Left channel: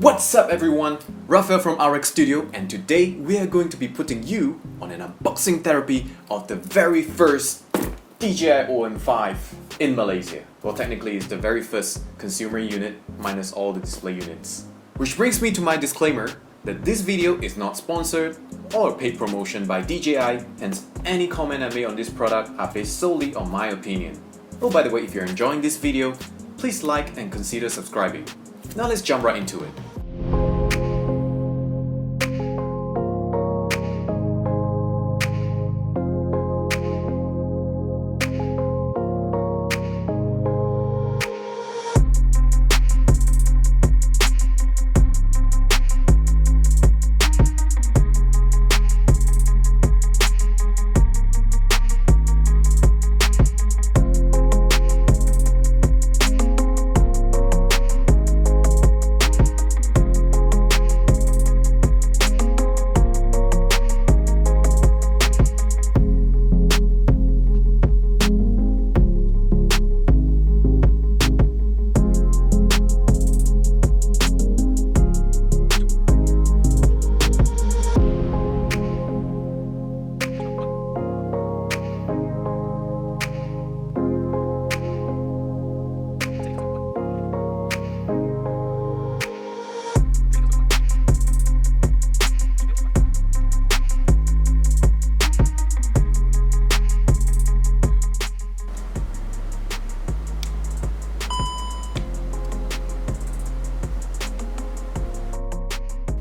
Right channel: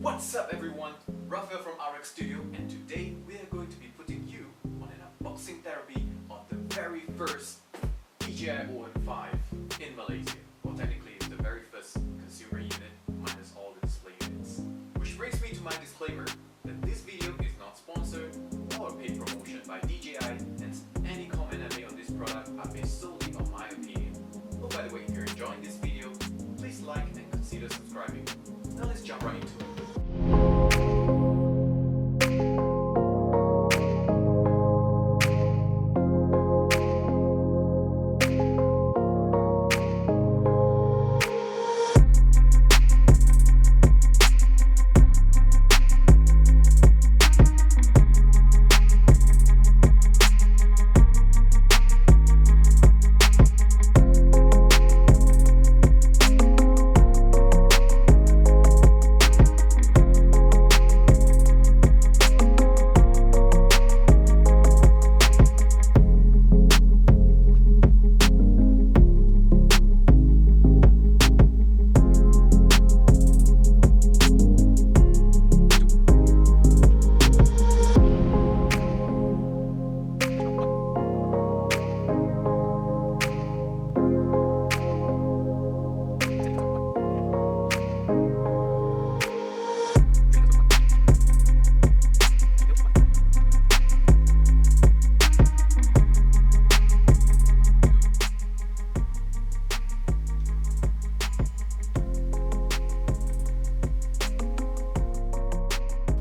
What's up everyone, Raphael from RX Studio, and today we are going to be putting you on an unboxing therapy of the very first DJI OM5 in Malaysia. Well, technically it's the very first consumer unit minus all the display units. Which brings me to my disclaimer that this video is not sponsored or a paid promotion by DJI, hence any comment I make on this product are based solely on my opinion. Oh, by the way, if you're enjoying this video, please like and consider subscribing. Now let's jump right into it.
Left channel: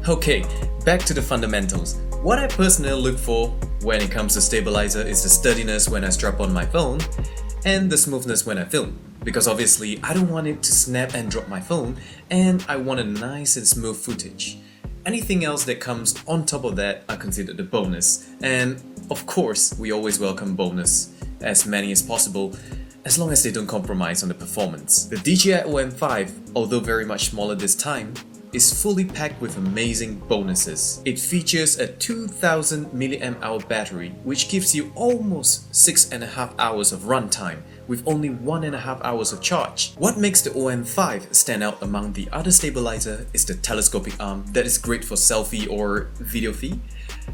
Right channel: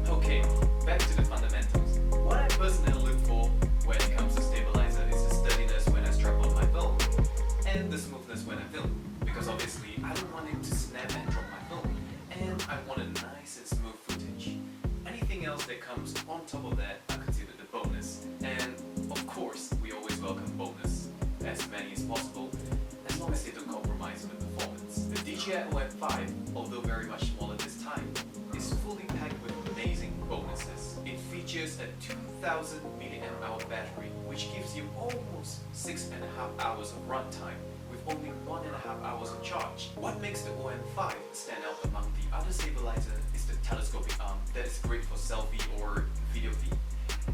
Okay, back to the fundamentals. What I personally look for when it comes to stabilizer is the sturdiness when I strap on my phone and the smoothness when I film. Because obviously I don't want it to snap and drop my phone, and I want a nice and smooth footage. Anything else that comes on top of that I consider the bonus. And of course, we always welcome bonus, as many as possible, as long as they don't compromise on the performance. The DJI OM5, although very much smaller this time, is fully packed with amazing bonuses. It features a 2000 mAh battery, which gives you almost 6.5 hours of runtime with only 1.5 hours of charge. What makes the OM5 stand out among the other stabilizer is the telescopic arm that is great for selfie or video feed.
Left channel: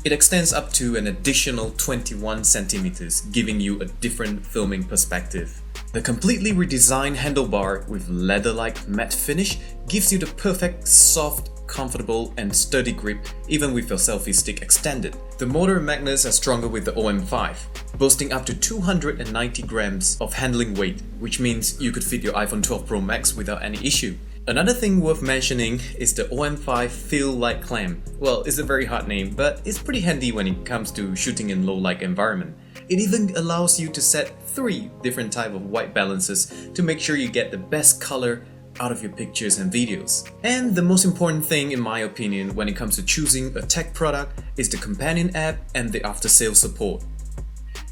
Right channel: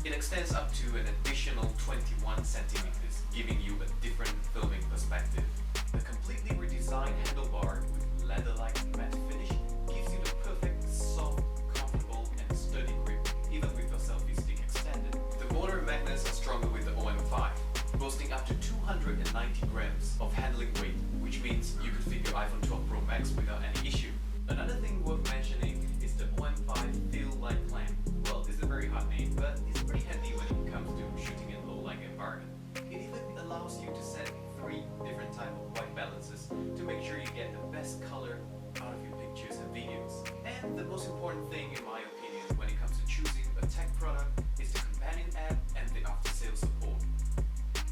It extends up to an additional 21 centimeters, giving you a different filming perspective. The completely redesigned handlebar with leather-like matte finish gives you the perfect, soft, comfortable and sturdy grip even with your selfie stick extended. The motor and magnets are stronger with the OM5, boasting up to 290 grams of handling weight, which means you could fit your iPhone 12 Pro Max without any issue. Another thing worth mentioning is the OM5 Feel Light Clamp. Well, it's a very hard name, but it's pretty handy when it comes to shooting in low light environment. It even allows you to set 3 different types of white balances to make sure you get the best color out of your pictures and videos. And the most important thing in my opinion when it comes to choosing a tech product is the companion app and the after-sales support.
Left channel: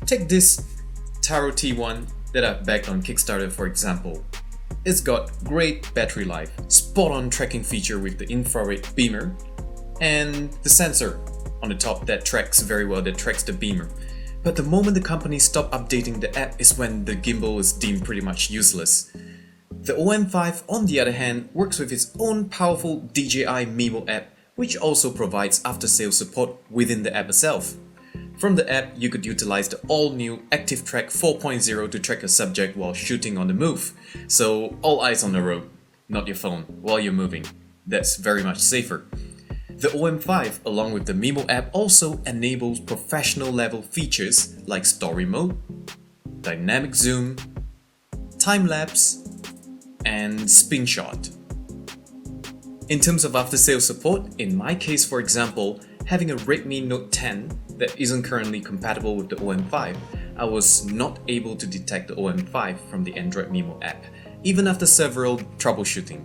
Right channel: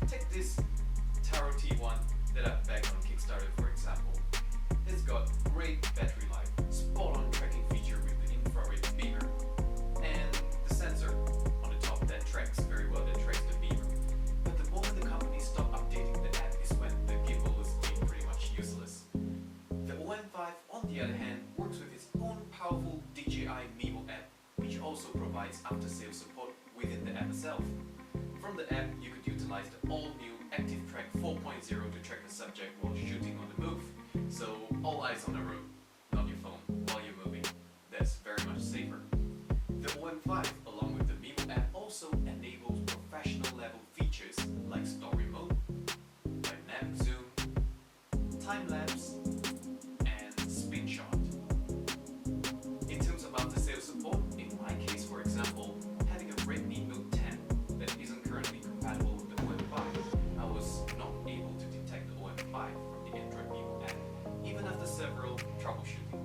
Take this Tarot T1 that I've backed on Kickstarter for example. It's got great battery life, spot-on tracking feature with the infrared beamer, and the sensor on the top that tracks very well, that tracks the beamer. But the moment the company stopped updating the app is when the gimbal is deemed pretty much useless. The OM5 on the other hand works with its own powerful DJI Mimo app, which also provides after-sales support within the app itself. From the app, you could utilize the all-new Active Track 4.0 to track a subject while shooting on the move. So all eyes on the road, not your phone, while you're moving. That's very much safer. The OM5, along with the Mimo app, also enables professional level features like story mode, dynamic zoom, time-lapse, and spin shot. In terms of after-sales support, in my case for example, having a Redmi Note 10 that isn't currently compatible with the OM5, I was not able to detect the OM5 from the Android Mimo app, even after several troubleshooting.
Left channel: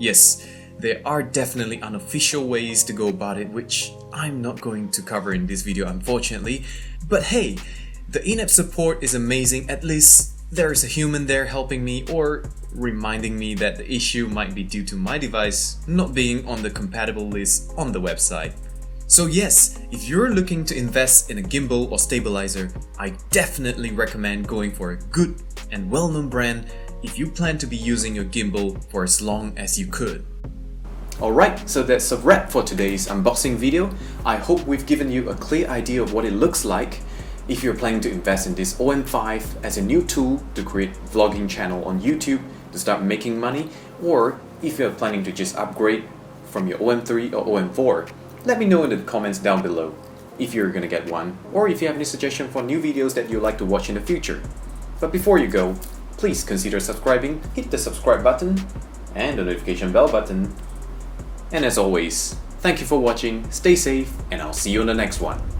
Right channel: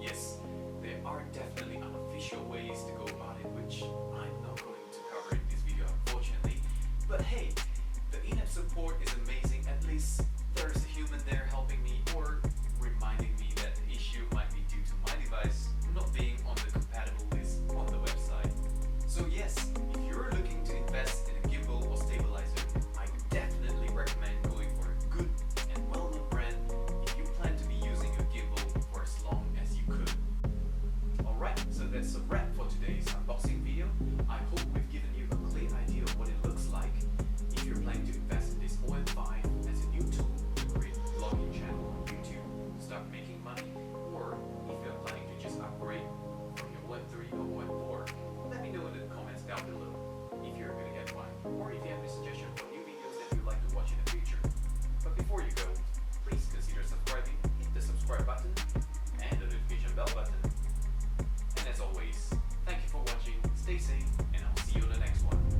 Yes, there are definitely unofficial ways to go about it, which I'm not going to cover in this video unfortunately, but hey, the in-app support is amazing. At least there is a human there helping me, or reminding me that the issue might be due to my device not being on the compatible list on the website. So yes, if you're looking to invest in a gimbal or stabilizer, I definitely recommend going for a good and well-known brand if you plan to be using your gimbal for as long as you could. Alright, so that's a wrap for today's unboxing video. I hope we've given you a clear idea of what it looks like if you're planning to invest in this OM5 as a new tool to create a vlogging channel on YouTube to start making money, or if you're planning to just upgrade from your OM3 or OM4. Let me know in the comments down below if you're gonna get one, or if you have any suggestion for new videos that you'd like to watch in the future. But before you go, please consider subscribing, hit the subscribe button and the notification bell button. And as always, thank you for watching, stay safe, and I'll see you on the next one.